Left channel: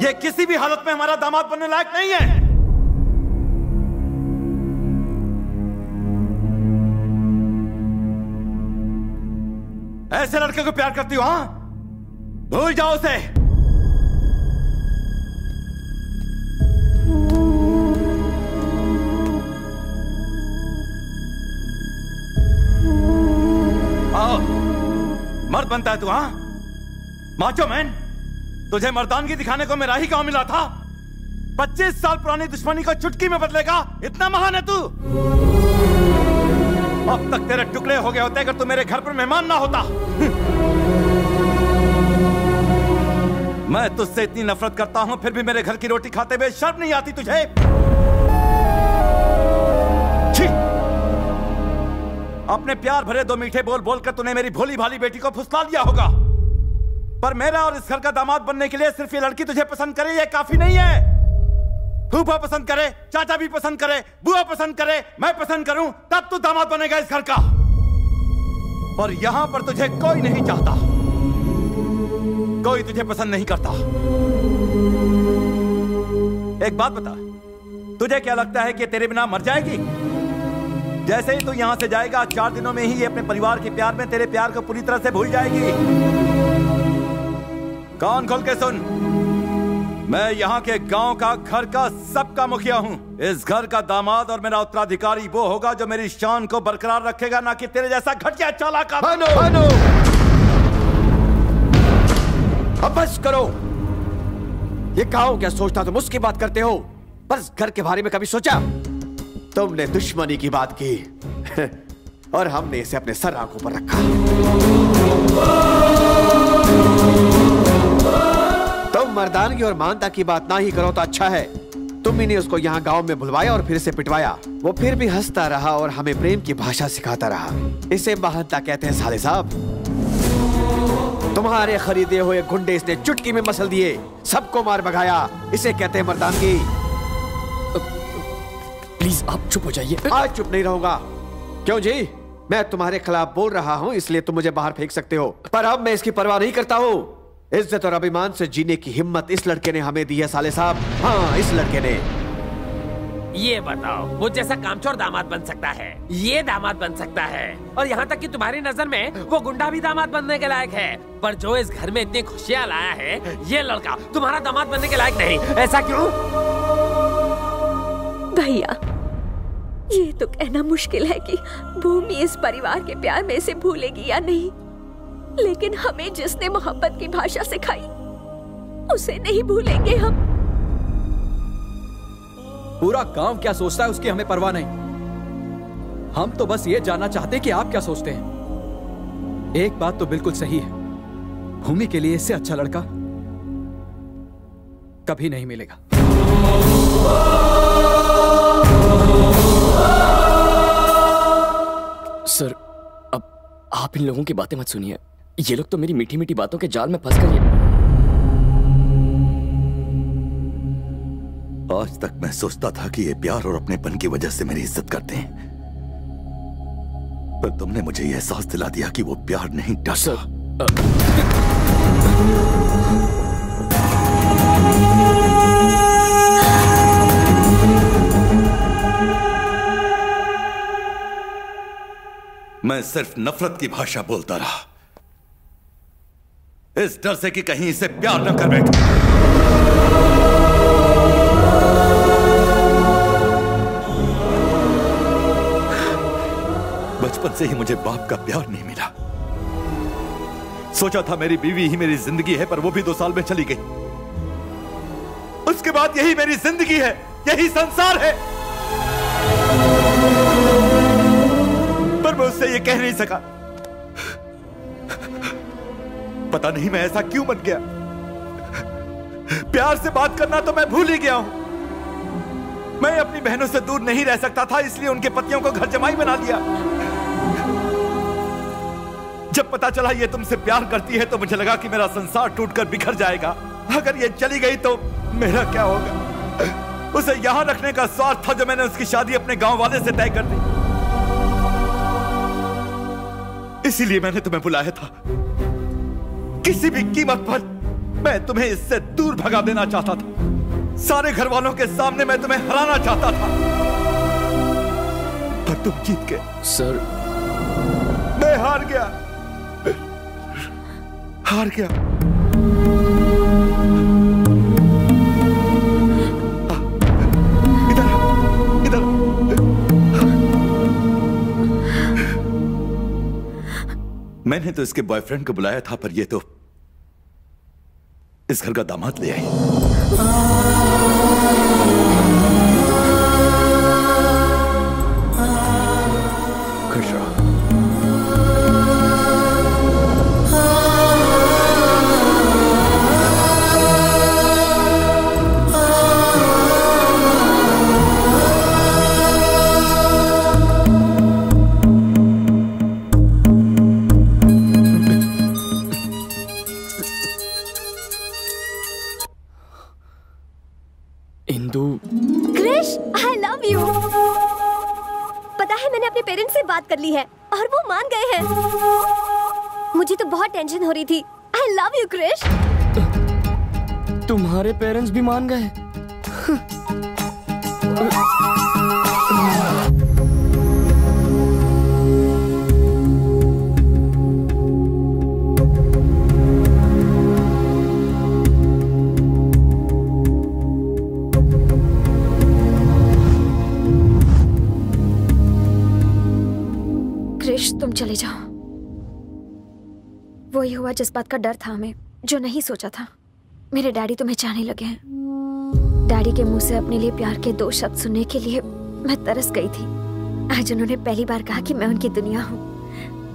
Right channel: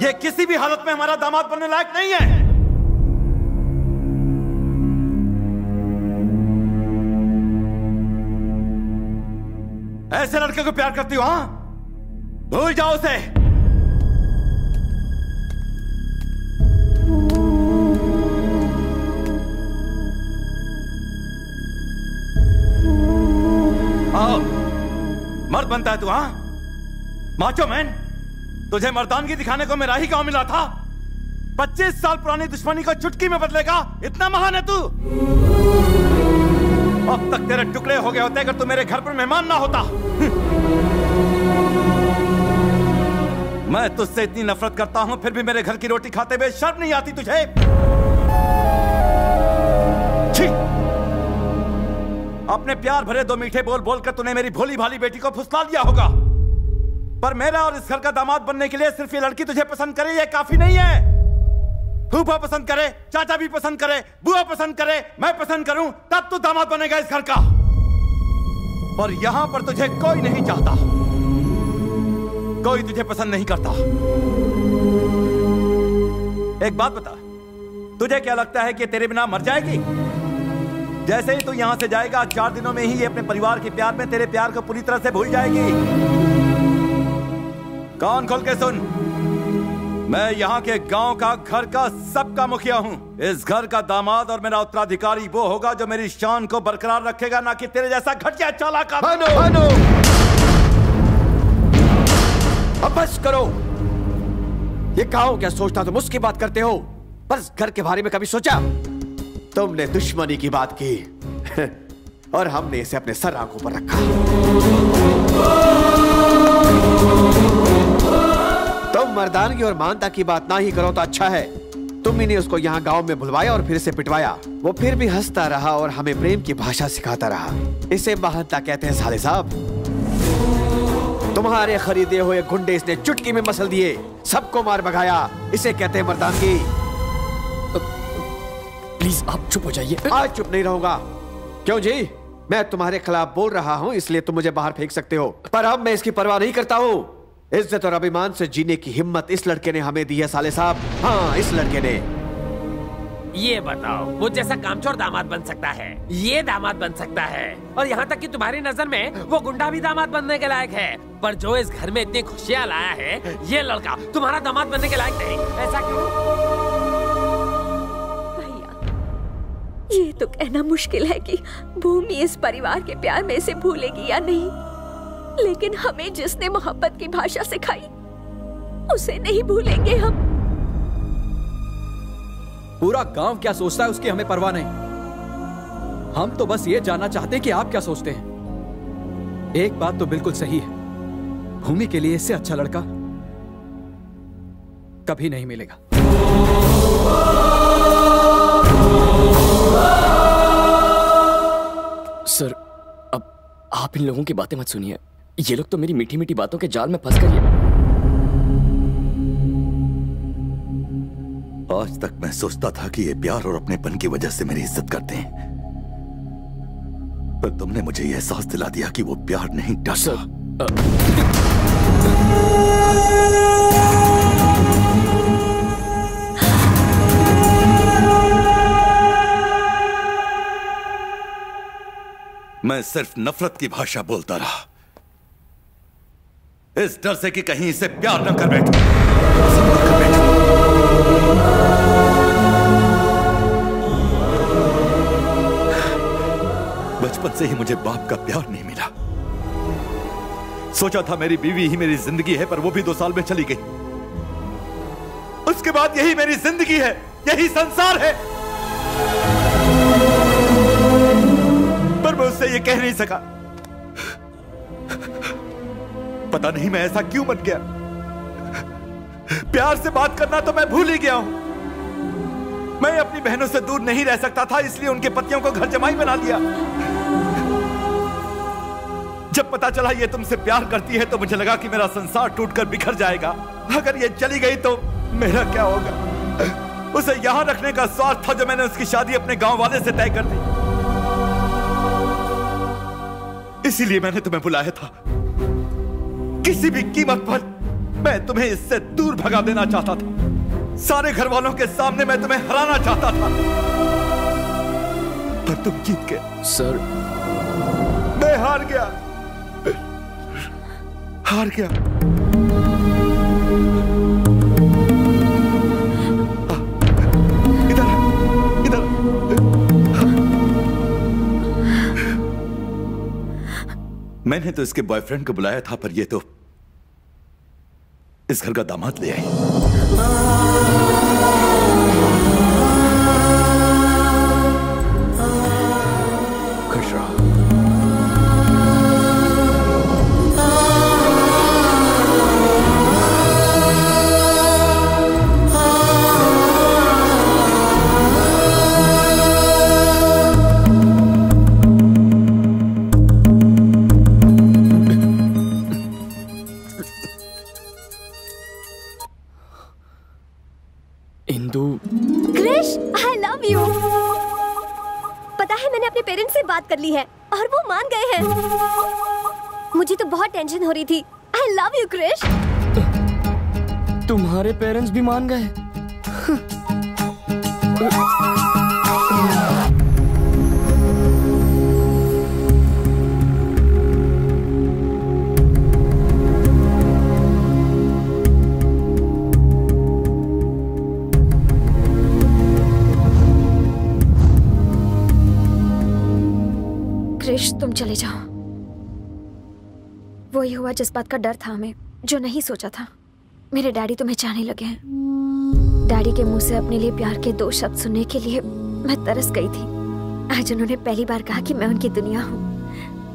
ये किसी भी हालत में हमारा दामाद बनने लायक नहीं है। ऐसे लड़के को प्यार करती हो? हाँ, भूल जाओ उसे। आओ, मर्द बनता है तू? हाँ, माचो मैन। तुझे मर्दानगी दिखाने को मेरा ही गांव मिला था। 25 साल पुरानी दुश्मनी को चुटकी में बदलेगा, इतना महान है तू? अब तक तेरे टुकड़े हो गए होते अगर तू मेरे घर पर मेहमान ना होता। मैं तुझसे इतनी नफरत करता हूं, फिर भी मेरे घर की रोटी खाते हुए शर्म नहीं आती तुझे? छी! अपने प्यार भरे दो मीठे बोल बोलकर तूने मेरी भोली भाली बेटी को फुसला लिया होगा, पर मेरा और इस घर का दामाद बनने के लिए सिर्फ ये लड़की तुझे पसंद करे ये काफी नहीं है। फूफा पसंद करे, चाचा भी पसंद करे, बुआ पसंद करे, मैं पसंद करूं, तब तू दामाद बनेगा इस घर का। और यहां पर तुझे कोई नहीं चाहता, कोई तुझे पसंद नहीं करता। एक बात बता, तुझे क्या लगता है कि तेरे बिना मर जाएगी? जैसे ही तू यहां से जाएगा, 4 दिनों में ही ये अपने परिवार के प्यार में तेरे प्यार को पूरी तरह से भूल जाएगी। कान खोल के सुन, मैं यहाँ के गांव का, घर का, सबका मुखिया हूँ। इस घर का दामाद और मेरा उत्तराधिकारी वो होगा जो मेरी शान को बरकरार रखेगा, ना कि तेरे जैसा घटिया चालाक। भानु, भानु, अब बस करो। ये गांव क्या सोचता, तुम उसकी बात करते हो, पर इस घर के बारे में कभी सोचा? तुमने दुश्मनी की बात की और हमने इसे अपने सर आंखों पर रखा। तुम मर्दानगी और मानता की बात ना ही करो तो अच्छा है। तुम ही ने उसको यहाँ गांव में बुलवाया और फिर इसे पिटवाया। वो फिर भी हंसता रहा और हमें प्रेम की भाषा सिखाता रहा। इसे महानता कहते हैं साले साहब। तुम्हारे खरीदे हुए गुंडे इसने चुटकी में मसल दिए, सबको मार भगाया। इसे कहते हैं मर्दानगी। प्लीज आप चुप हो जाइए। आज चुप नहीं रहूंगा। क्यों जी? मैं तुम्हारे खिलाफ बोल रहा हूँ इसलिए तुम मुझे बाहर फेंक सकते हो, पर अब मैं इसकी परवाह नहीं करता हूँ। इज्जत और अभिमान से जीने की हिम्मत इस लड़के ने हमें दी है साले साहब। हाँ, इस लड़के ने। ये बताओ, वो जैसा कामचोर दामाद बन सकता है, ये दामाद बन सकता है, और यहाँ तक कि तुम्हारी नजर में वो गुंडा भी दामाद बनने के लायक है, पर जो इस घर में इतनी खुशियाँ लाया है, ये लड़का तुम्हारा दामाद बनने के लायक नहीं। ऐसा क्यों? भैया, ये तो कहना मुश्किल है कि भूमि इस परिवार के प्यार में इसे भूलेगी या नहीं, लेकिन हमें जिसने मोहब्बत की भाषा सिखाई उसे नहीं भूलेंगे हम। पूरा गांव क्या सोचता है उसकी हमें परवाह नहीं। हम तो बस ये जानना चाहते हैं कि आप क्या सोचते हैं। एक बात तो बिल्कुल सही है, भूमि के लिए इससे अच्छा लड़का कभी नहीं मिलेगा। सर, अब आप इन लोगों की बातें मत सुनिए। ये लोग तो मेरी मीठी मीठी बातों के जाल में फंस कर आज तक मैं सोचता था कि ये प्यार और अपनेपन की वजह से मेरी इज्जत करते हैं, पर तुमने मुझे यह एहसास दिला दिया कि वो प्यार नहीं, डर। मैं सिर्फ नफरत की भाषा बोलता रहा, इस डर से कि कहीं इसे प्यार न कर बैठूं। बचपन से ही मुझे बाप का प्यार नहीं मिला। सोचा था मेरी बीवी ही मेरी जिंदगी है, पर वो भी 2 साल में चली गई। उसके बाद यही मेरी जिंदगी है, यही संसार है, पर मैं उससे ये कह नहीं सका। पता नहीं मैं ऐसा क्यों बन गया। प्यार से बात करना तो मैं भूल ही गया हूं। मैं अपनी बहनों से दूर नहीं रह सकता था, इसलिए उनके पतियों को घर जमाई बना लिया। जब पता चला ये तुमसे प्यार करती है तो मुझे लगा कि मेरा संसार टूटकर बिखर जाएगा। अगर ये चली गई तो मेरा क्या होगा? उसे यहां रखने का स्वार्थ था जो मैंने उसकी शादी अपने गांव वाले से तय कर दी। इसीलिए मैंने तुम्हें बुलाया था, किसी भी कीमत पर मैं तुम्हें इससे दूर भगा देना चाहता था। सारे घर वालों के सामने मैं तुम्हें हराना चाहता था, पर तुम जीत गए। सर, मैं हार गया, हार गया। इधर इधर। मैंने तो इसके बॉयफ्रेंड को बुलाया था, पर ये तो इस घर का दामाद ले आई। खुश रहो। Krrish, I love you। पता है मैंने अपने पेरेंट्स से बात कर ली है और वो मान गए हैं। मुझे तो बहुत टेंशन हो रही थी। I love you Krrish. तुम्हारे पेरेंट्स भी मान गए? क्रिश, तुम चले जाओ। वही हुआ जिस बात का डर था हमें, जो नहीं सोचा था। मेरे डैडी तुम्हें चाहने लगे हैं। डैडी के मुंह से अपने लिए प्यार के 2 शब्द सुनने के लिए मैं तरस गई थी। आज उन्होंने पहली बार कहा कि मैं उनकी दुनिया हूँ।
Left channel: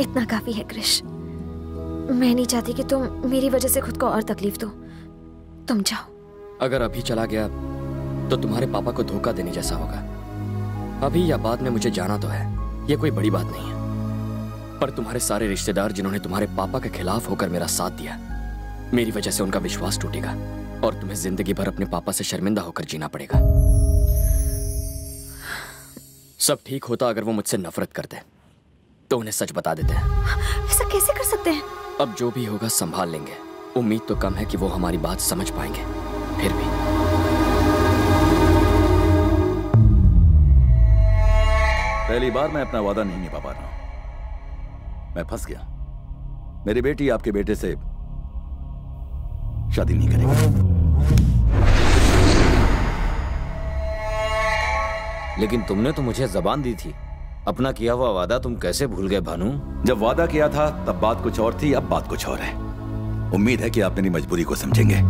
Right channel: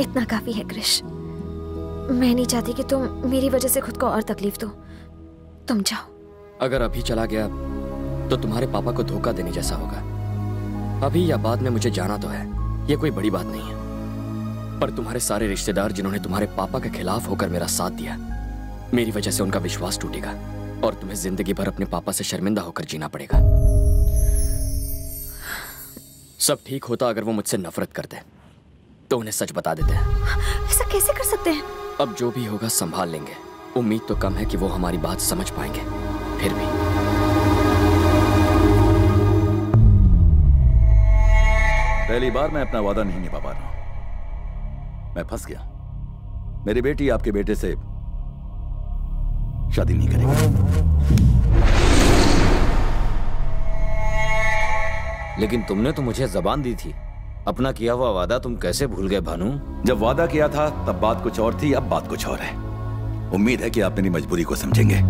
इतना काफी है क्रिश। मैं नहीं चाहती कि तुम मेरी वजह से खुद को और तकलीफ दो। तुम जाओ। अगर अभी चला गया तो तुम्हारे पापा को धोखा देने जैसा होगा। अभी या बाद में मुझे जाना तो है, ये कोई बड़ी बात नहीं है। पर तुम्हारे सारे रिश्तेदार जिन्होंने तुम्हारे पापा के खिलाफ होकर मेरा साथ दिया, मेरी वजह से उनका विश्वास टूटेगा और तुम्हें जिंदगी भर अपने पापा से शर्मिंदा होकर जीना पड़ेगा। सब ठीक होता अगर वो मुझसे नफरत करते तो उन्हें सच बता देते हैं। ऐसा कैसे कर सकते हैं? अब जो भी होगा संभाल लेंगे। उम्मीद तो कम है कि वो हमारी बात समझ पाएंगे, फिर भी। पहली बार मैं अपना वादा नहीं निभा पा रहा हूं। मैं फंस गया। मेरी बेटी आपके बेटे से शादी नहीं करेगी। लेकिन तुमने तो मुझे जबान दी थी। अपना किया हुआ वादा तुम कैसे भूल गए भानु? जब वादा किया था तब बात कुछ और थी, अब बात कुछ और है। उम्मीद है कि आप मेरी मजबूरी को समझेंगे।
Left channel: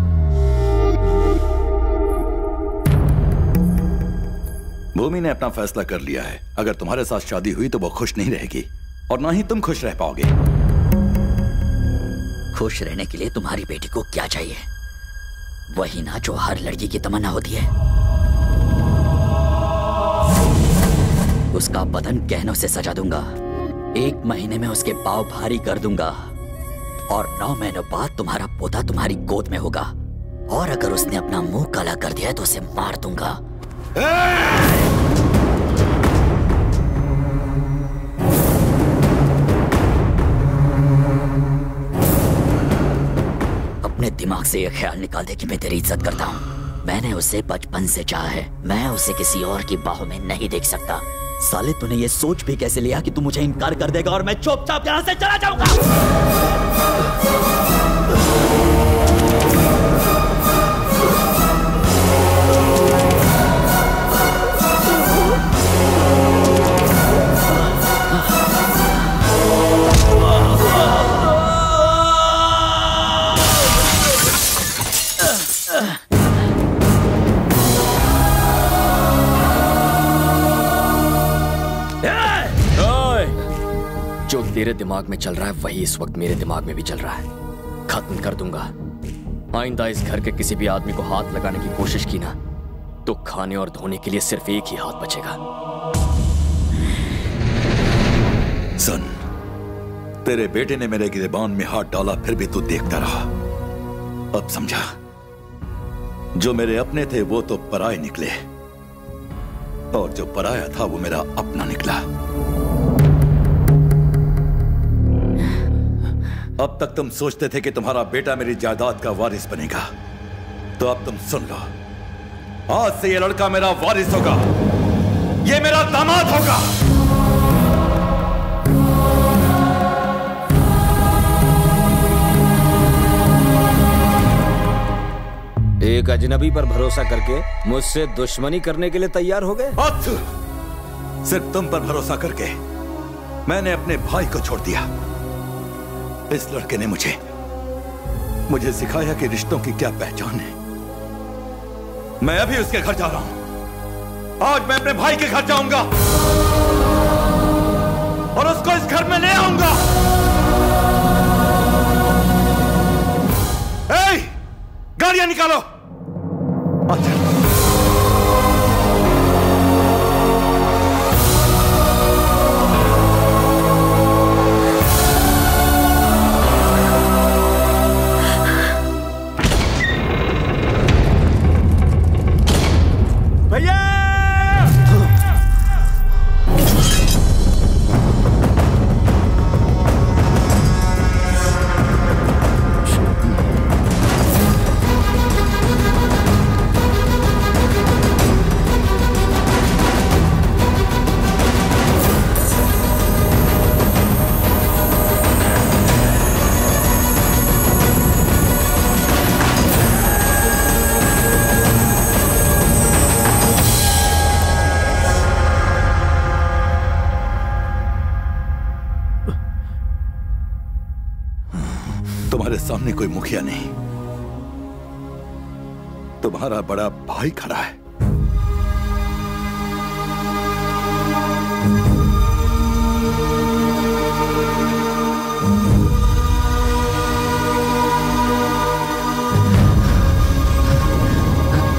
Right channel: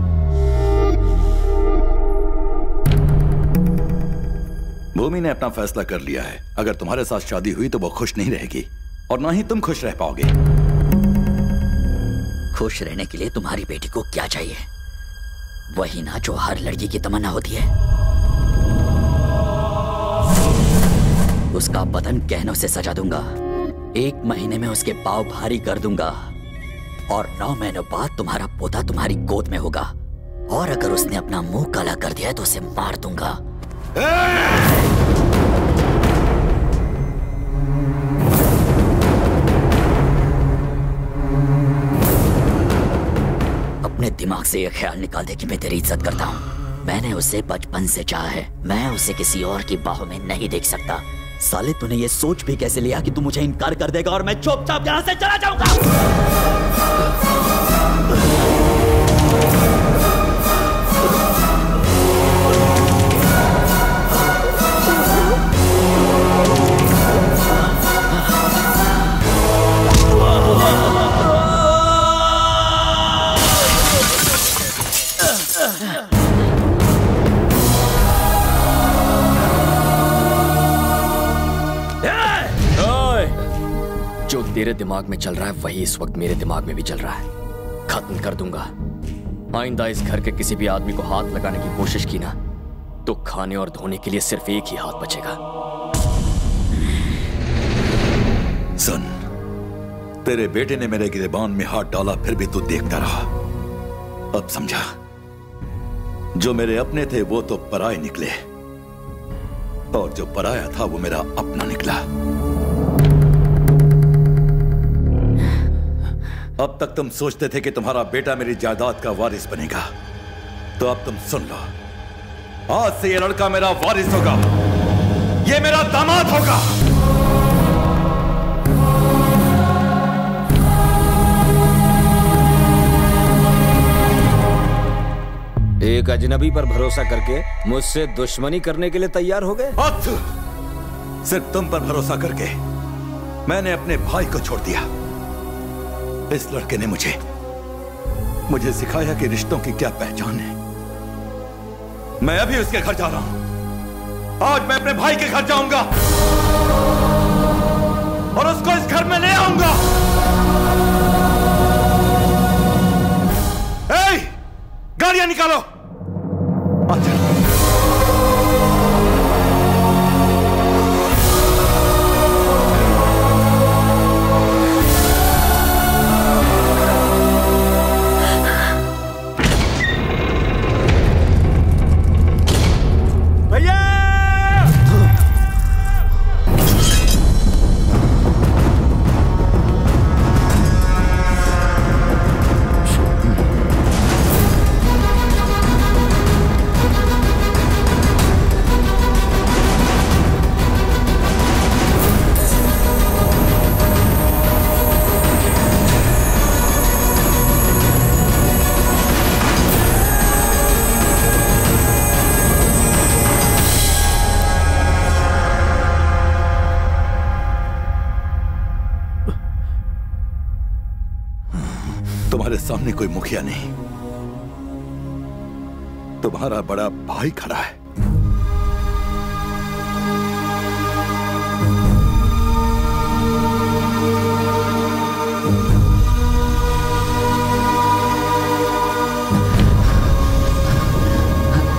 भूमि ने अपना फैसला कर लिया है। अगर तुम्हारे साथ शादी हुई तो वो खुश नहीं रहेगी और ना ही तुम खुश रह पाओगे। खुश रहने के लिए तुम्हारी बेटी को क्या चाहिए? वही ना जो हर लड़की की तमन्ना होती है। उसका बदन गहनों से सजा दूंगा। 1 महीने में उसके पाँव भारी कर दूंगा और 9 महीनों बाद तुम्हारा पोता तुम्हारी गोद में होगा। और अगर उसने अपना मुंह काला कर दिया तो उसे मार दूंगा। अपने दिमाग से यह ख्याल निकाल दे कि मैं तेरी इज्जत करता हूँ। मैंने उसे बचपन से चाहा है। मैं उसे किसी और की बाहों में नहीं देख सकता। साले तूने ये सोच भी कैसे लिया कि तू मुझे इनकार कर देगा और मैं चुपचाप यहाँ से चला जाऊंगा? जो तेरे दिमाग में चल रहा है वही इस वक्त मेरे दिमाग में भी चल रहा है। खत्म कर दूंगा। आइंदा इस घर के किसी भी आदमी को हाथ लगाने की कोशिश की ना तो खाने और धोने के लिए सिर्फ एक ही हाथ बचेगा। सुन, तेरे बेटे ने मेरे गिरेबान में हाथ डाला, फिर भी तू देखता रहा। अब समझा, जो मेरे अपने थे वो तो पराए निकले और जो पराया था वो मेरा अपना निकला। अब तक तुम सोचते थे कि तुम्हारा बेटा मेरी जायदाद का वारिस बनेगा, तो अब तुम सुन लो, आज से ये लड़का मेरा वारिस होगा, ये मेरा दामाद होगा। एक अजनबी पर भरोसा करके मुझसे दुश्मनी करने के लिए तैयार हो गए? सिर्फ तुम पर भरोसा करके मैंने अपने भाई को छोड़ दिया। इस लड़के ने मुझे सिखाया कि रिश्तों की क्या पहचान है। मैं अभी उसके घर जा रहा हूं। आज मैं अपने भाई के घर जाऊंगा और उसको इस घर में ले आऊंगा। गाड़ियां निकालो। अच्छा। भैया तुम्हारे सामने कोई मुखिया नहीं, तुम्हारा बड़ा भाई खड़ा है।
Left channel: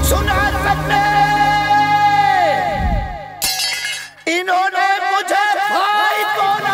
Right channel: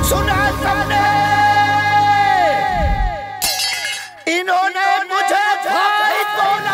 सुना सबने, इन्होंने मुझे भाई बोला।